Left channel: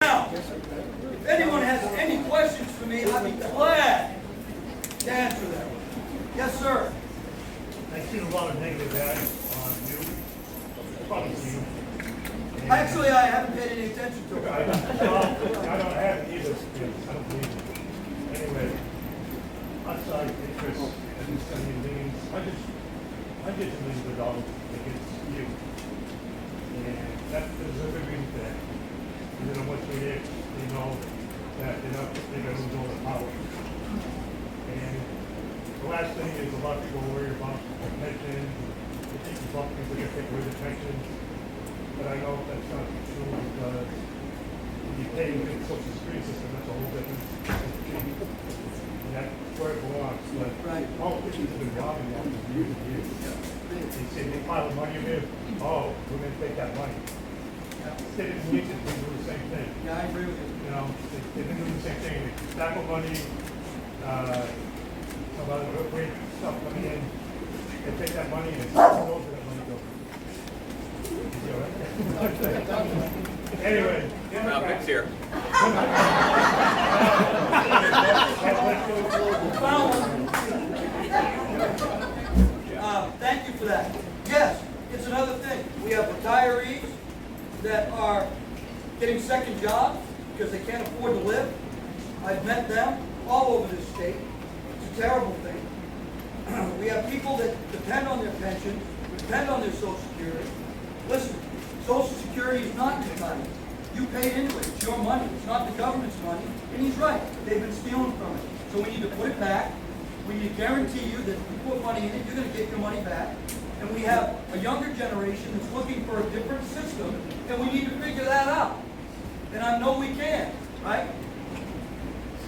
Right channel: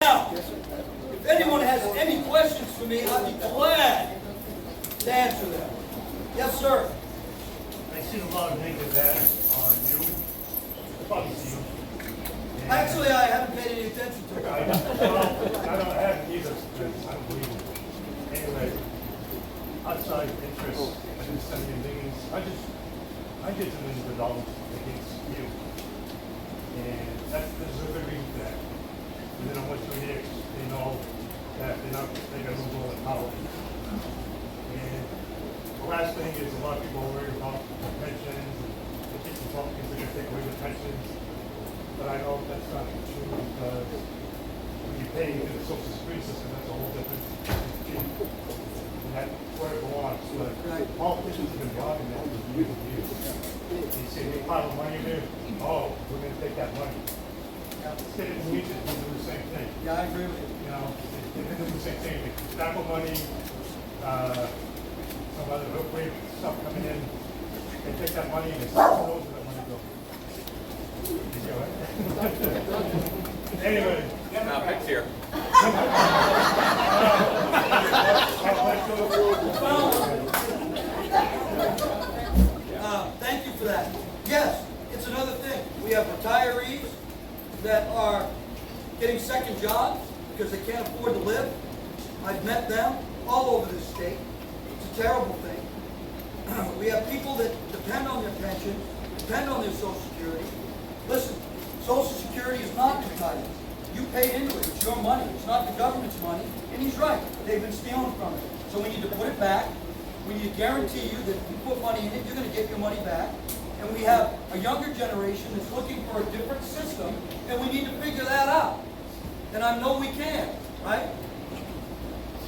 Now, if anyone has any questions for me, I'd be glad to answer them. Yes, sir. I see a lot of negative ads on you. Probably you. Actually, I haven't paid any attention to it. I haven't either because I don't believe it. Anyway, outside interests and sending millions. I get $1 million against you. And there's a good reason for that. And then in 1 3 years, they know that they're going to lose all the power. And the last thing is a lot of people are worried about pensions. They think Republicans are going to take away the pensions. But I know that's not true because when you pay into the Social Security system, that's a whole different thing. And that's where it belongs. But politicians have been robbing that for years and years. They say they pile of money in there. Oh, we're going to take that money. State of the Union do the same thing. Yeah, I agree with you. You know, they've been doing the same thing. Tobacco money, some other weird stuff coming in. They take that money and they who knows where that money goes. Anyway. Pic's here. Thank you for that. Yes, it's another thing. We have retirees that are getting second jobs because they can't afford to live. I've met them all over this state. It's a terrible thing. We have people that depend on their pension, depend on their Social Security. Listen, Social Security is not entitlement. You paid into it. It's your money. It's not the government's money. And he's right. They've been stealing from it. So we need to put it back. We need to guarantee you that if you put money in it, you're going to get your money back. And we have a younger generation that's looking for a different system, and we need to figure that out. And I know we can, right?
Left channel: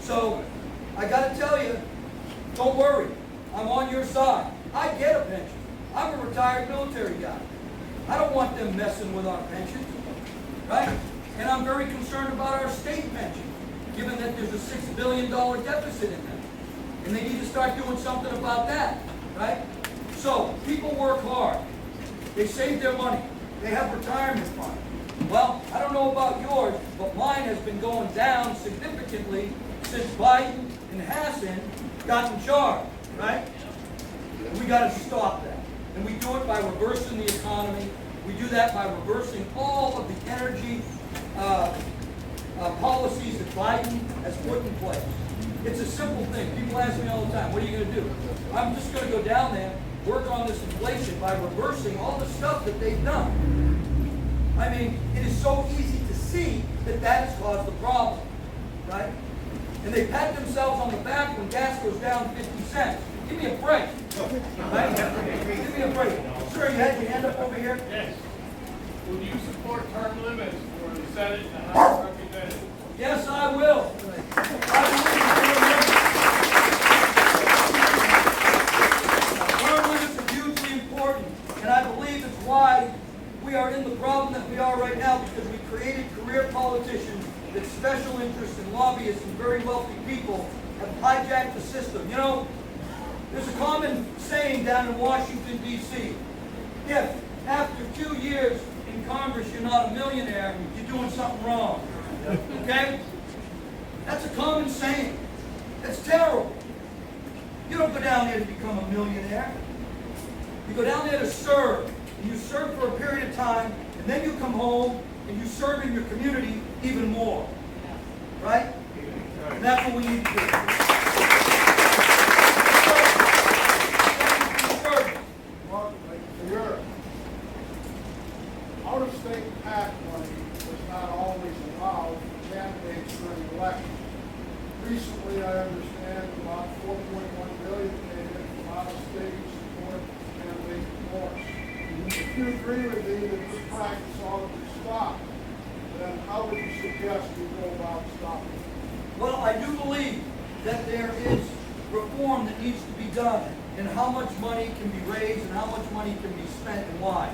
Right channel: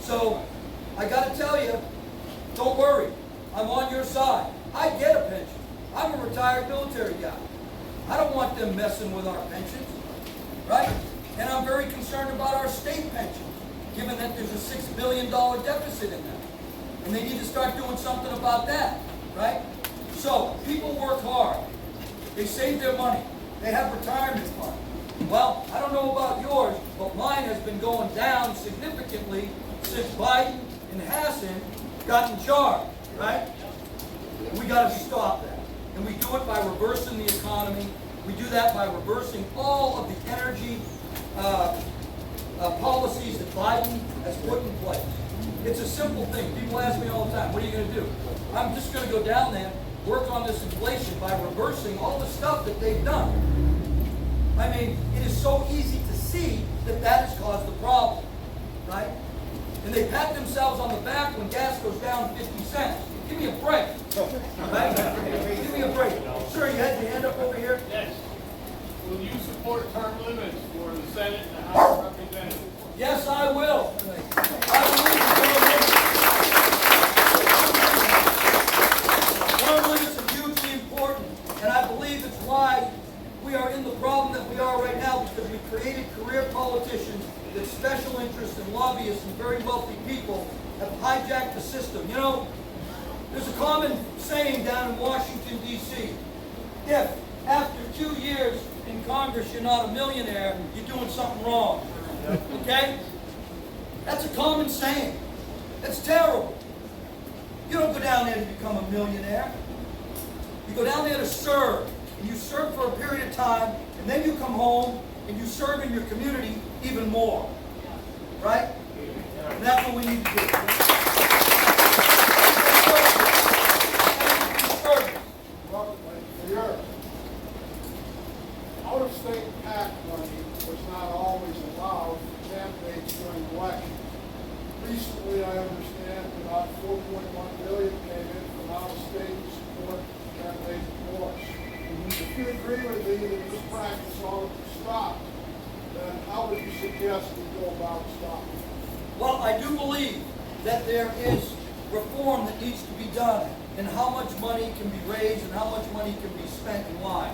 So I got to tell you, don't worry. I'm on your side. I get a pension. I'm a retired military guy. I don't want them messing with our pensions, right? And I'm very concerned about our state pension, given that there's a $6 billion deficit in them. And they need to start doing something about that, right? So, people work hard. They save their money. They have retirement funds. Well, I don't know about yours, but mine has been going down significantly since Biden and Hassan got in charge, right? We got to stop that. And we do it by reversing the economy. We do that by reversing all of the energy policies that Biden has put in place. It's a simple thing. People ask me all the time, what are you going to do? I'm just going to go down there, work on this inflation by reversing all the stuff that they've done. I mean, it is so easy to see that that has caused the problem, right? And they pat themselves on the back when gas goes down 50 cents. Give me a break. Right? Give me a break. Sir, you had your hand up over here? Yes. Will you support term limits for the Senate and the House of Representatives? Yes, I will. Term limits are hugely important, and I believe it's why we are in the problem that we are right now, because we created career politicians that special interests and lobbyists and very wealthy people have hijacked the system. You know, there's a common saying down in Washington, D.C. If after 2 years in Congress you're not a millionaire, you're doing something wrong. Okay? That's a common saying. That's terrible. You don't go down there to become a millionaire. You go down there to serve. And you serve for a period of time, and then you come home and you serve in your community even more. Right? And that's what we need to do. Your out-of-state PAC money was not always allowed for candidates during the election. Recently, I understand about $4.1 billion came in from out-of-state to support candidates endorse. If you agree with me that this practice ought to be stopped, then how would you suggest we go about stopping it? Well, I do believe that there is reform that needs to be done, and how much money can be raised and how much money can be spent and why.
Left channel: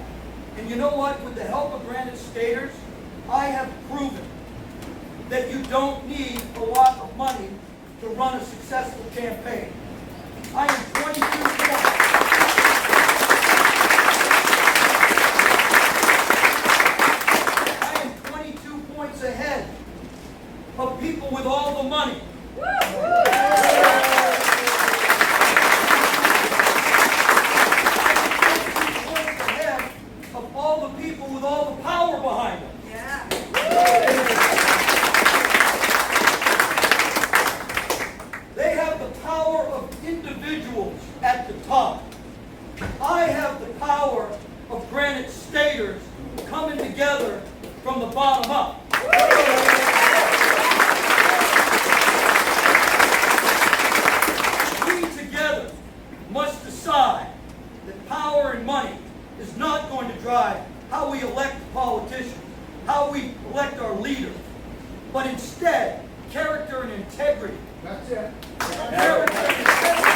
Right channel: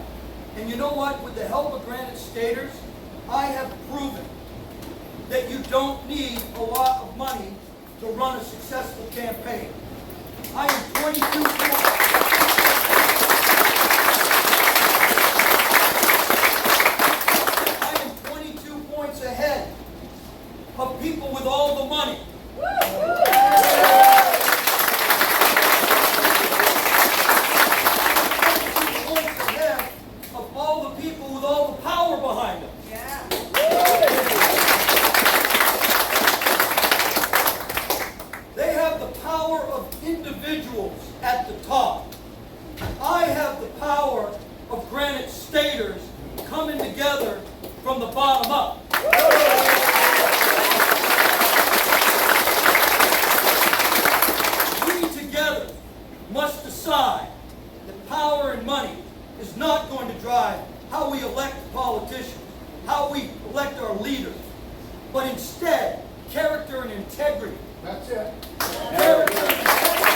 And you know what? With the help of Granite Staters, I have proven that you don't need a lot of money to run a successful campaign. I am 22 points. I am 22 points ahead of people with all the money. Points ahead of all the people with all the power behind them. They have the power of individuals at the top. I have the power of Granite Staters coming together from the bottom up. We together must decide that power and money is not going to drive how we elect politicians, how we elect our leaders, but instead character and integrity. That's it. Character and integrity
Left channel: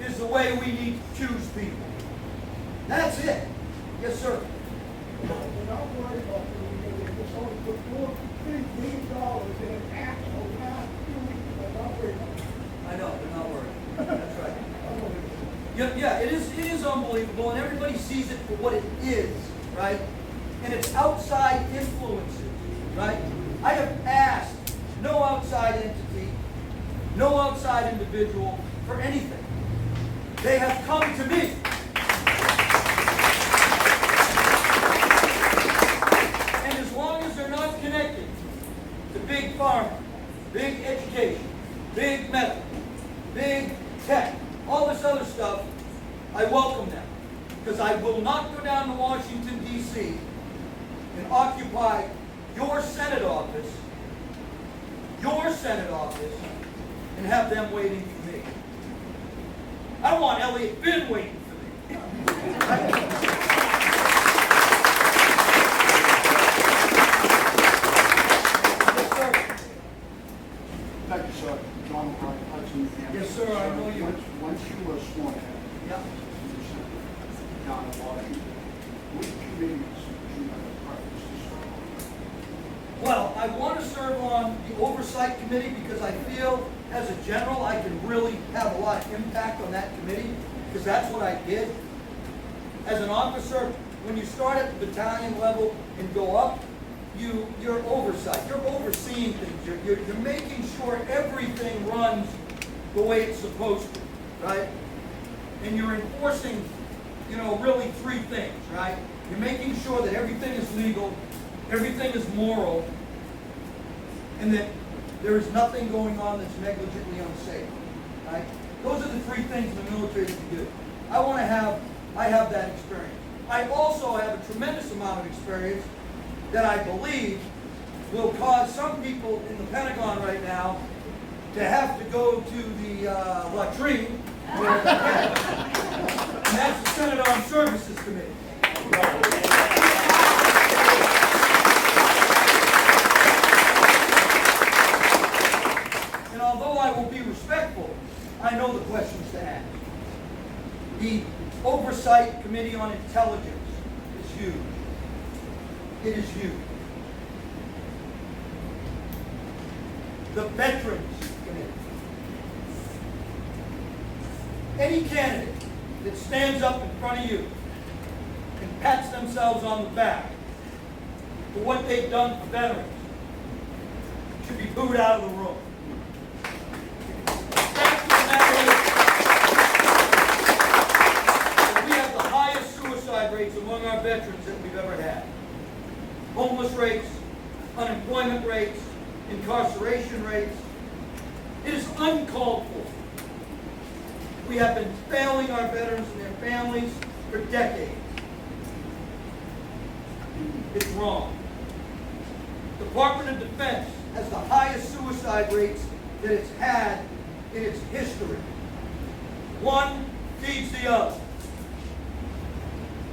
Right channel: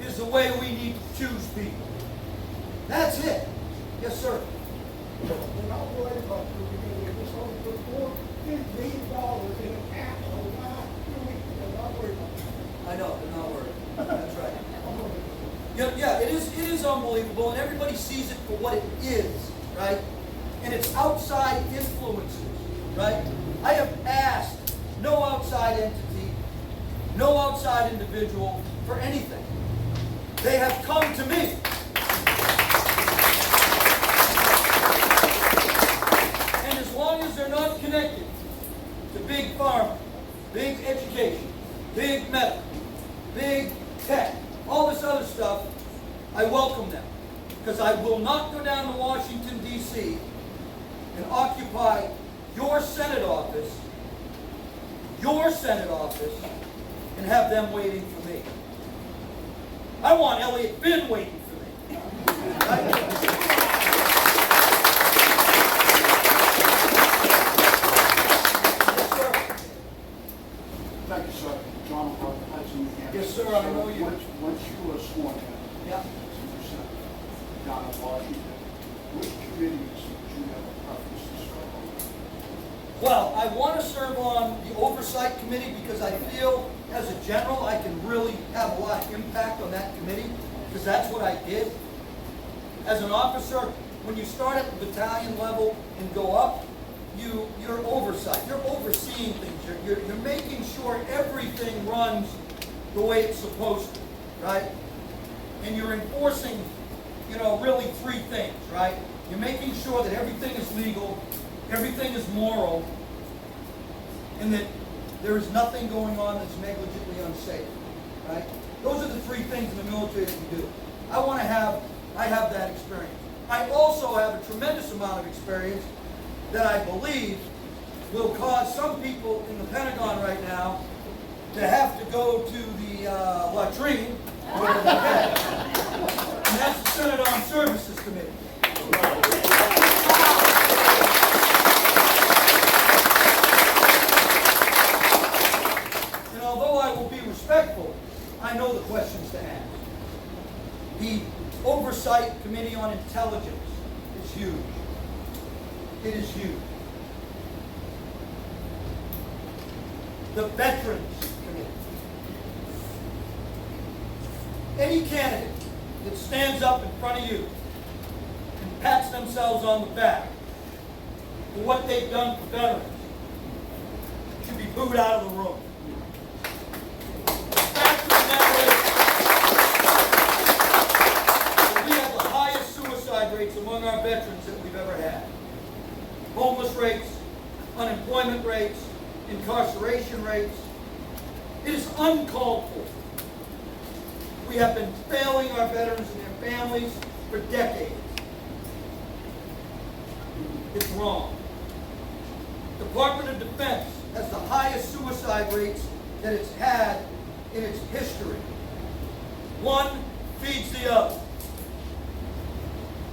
is the way we need to choose people. That's it. Yes, sir. We're not worried about you, because we just only put $4 billion in an act around 2 weeks. We're not worried about you. I know, they're not worried. That's right. Yeah, it is unbelievable, and everybody sees it for what it is, right? And it's outside influences, right? I have asked no outside entity, no outside individual for anything. They have come to me. And as long as they're not connected to big pharma, big education, big medical, big tech, all this other stuff, I welcome them. Because I will not go down to Washington, D.C. and occupy your Senate office, and have them waiting for me. I want Elliot Finn waiting for me. Yes, sir. Thank you, sir. John Hudson, New Hampshire. Yes, sir, I know you. Once you were sworn in, Yeah. you sent down to Washington, which committees do you have a preference to serve on? Well, I want to serve on the Oversight Committee because I feel, as a general, I can really have a lot of impact on that committee, because that's what I did. As an officer, when you start at the battalion level and go up, you're oversight. You're overseeing things. You're making sure everything runs the way it's supposed to, right? And you're enforcing, really three things, right? You're making sure that everything is legal, everything is moral, and that there is nothing going on that's negligently unsafe, right? Those are the three things in the military that you do. I have that experience. I also have a tremendous amount of experience that I believe will cause some people in the Pentagon right now to have to go to the latrine, where they can. And that's the Senate Armed Services Committee. And although I will be respectful, I know the questions to ask. The Oversight Committee on Intelligence is huge. It is huge. The Veterans Committee. Any candidate that stands up in front of you and pats themselves on the back for what they've done for veterans should be booed out of the room. The fact of the matter is that we have the highest suicide rates among our veterans that we've ever had. Homeless rates, unemployment rates, incarceration rates. It is uncalled for. We have been failing our veterans and their families for decades. It's wrong. Department of Defense has the highest suicide rates that it's had in its history. One feeds the other.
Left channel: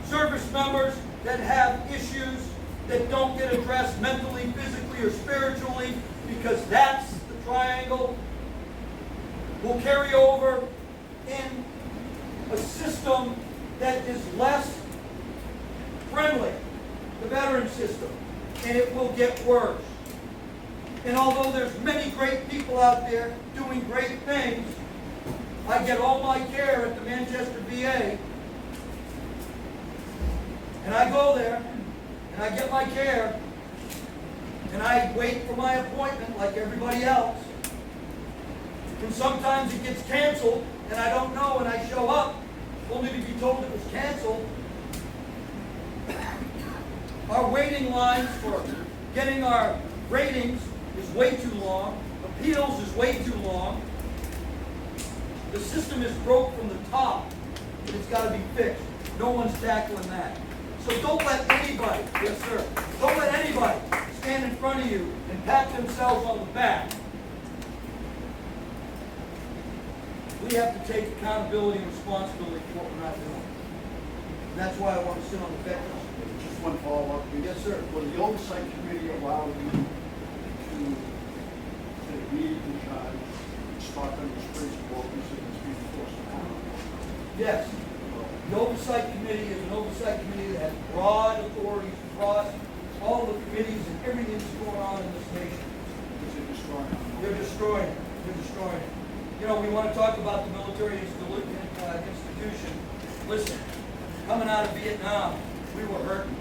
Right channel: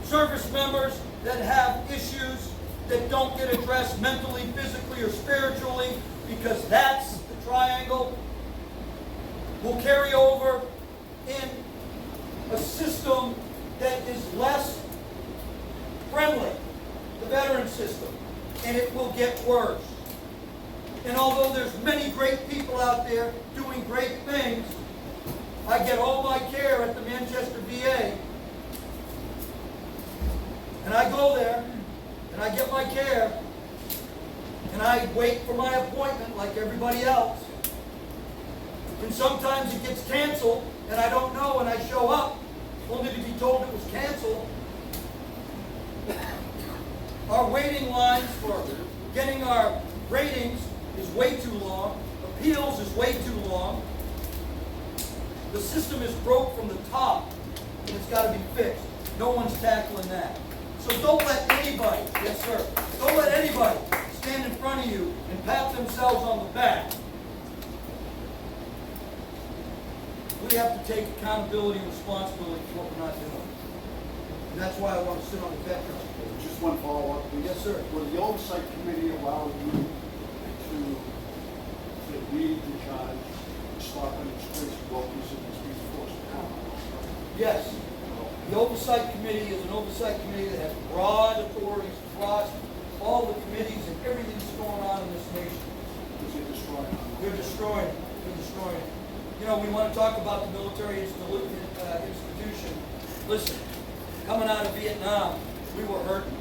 Service members that have issues that don't get addressed mentally, physically, or spiritually, because that's the triangle, will carry over in a system that is less friendly, the veteran system, and it will get worse. And although there's many great people out there doing great things, I get all my care at the Manchester VA, and I go there, and I get my care, and I wait for my appointment like everybody else. And sometimes it gets canceled, and I don't know, and I show up, only to be told it was canceled. Our waiting lines for getting our ratings is way too long. Appeals is way too long. The system is broke from the top, and it's got to be fixed. No one's tackling that. So don't let anybody, yes sir, don't let anybody stand in front of you and pat themselves on the back. We have to take accountability and responsibility for what we're not doing. And that's why I want to sit on the Veterans Committee. Just one follow-up, please. Yes, sir. Will the oversight committee allow you to lead the charge, stop any trace brokers and it's being forced upon? Yes. The Oversight Committee is an oversight committee that has broad authorities across all the committees and everything that's going on in this nation. Is it destroying? They're destroying it. They're destroying it. You know, we want to talk about the military institution. Listen, coming out of Vietnam, we were hurting.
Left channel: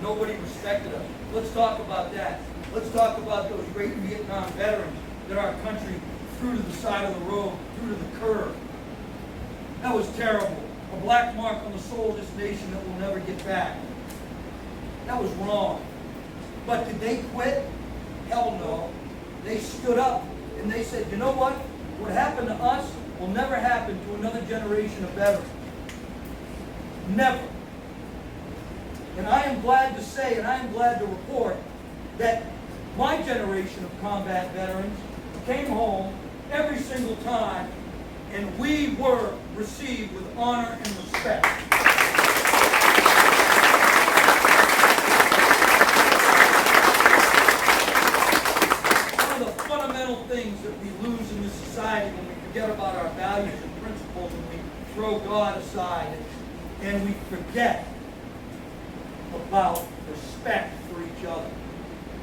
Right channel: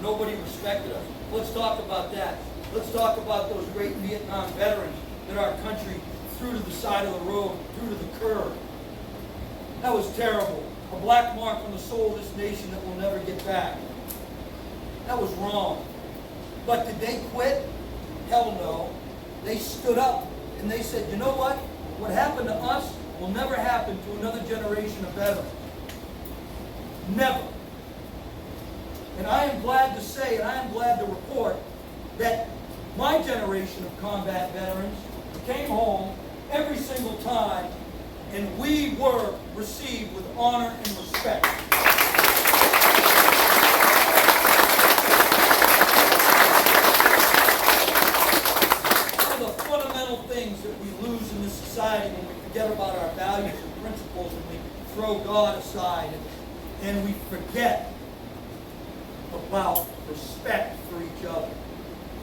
Nobody respected us. Let's talk about that. Let's talk about those great Vietnam veterans that our country threw to the side of the road, threw to the curb. That was terrible. A black mark on the soul of this nation that we'll never get back. That was wrong. But did they quit? Hell no. They stood up and they said, you know what? What happened to us will never happen to another generation of veterans. Never. And I am glad to say, and I am glad to report, that my generation of combat veterans came home every single time, and we were received with honor and respect. One of the fundamental things that we lose in this society when we forget about our values and principles, and we throw God aside, and we forget about respect for each other.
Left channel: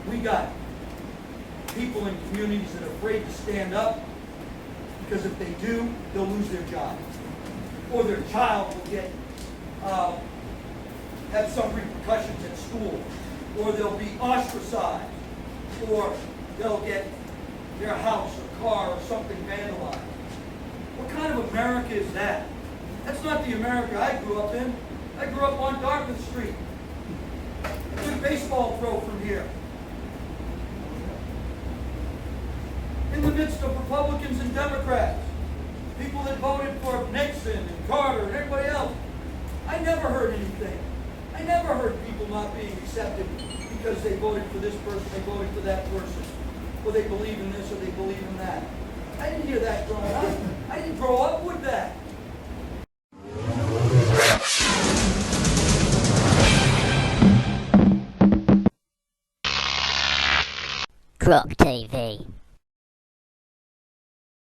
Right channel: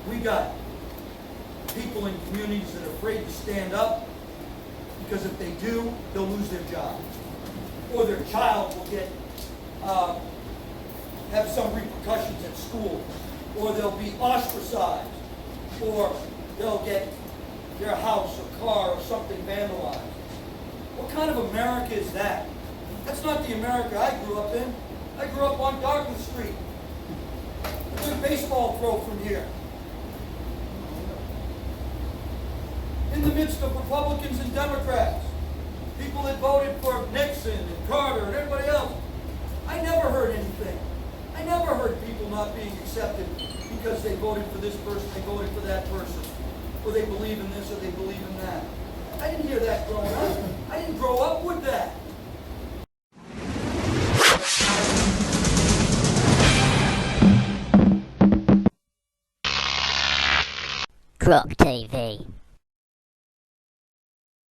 We got people in communities that are afraid to stand up because if they do, they'll lose their job. Or their child will get have some repercussions at school. Or they'll be ostracized. Or they'll get their house or car or something vandalized. What kind of America is that? That's not the America I grew up in. I grew up on Dartmouth Street. A good baseball throw from here. In the midst of Republicans and Democrats, people that voted for Nixon and Carter and everybody else, I never heard anything. I never heard people not being accepted because they voted for this person, they voted for that person, or they believe in this or they believe in that. I didn't hear that growing up. I didn't grow up with that. Croc TV.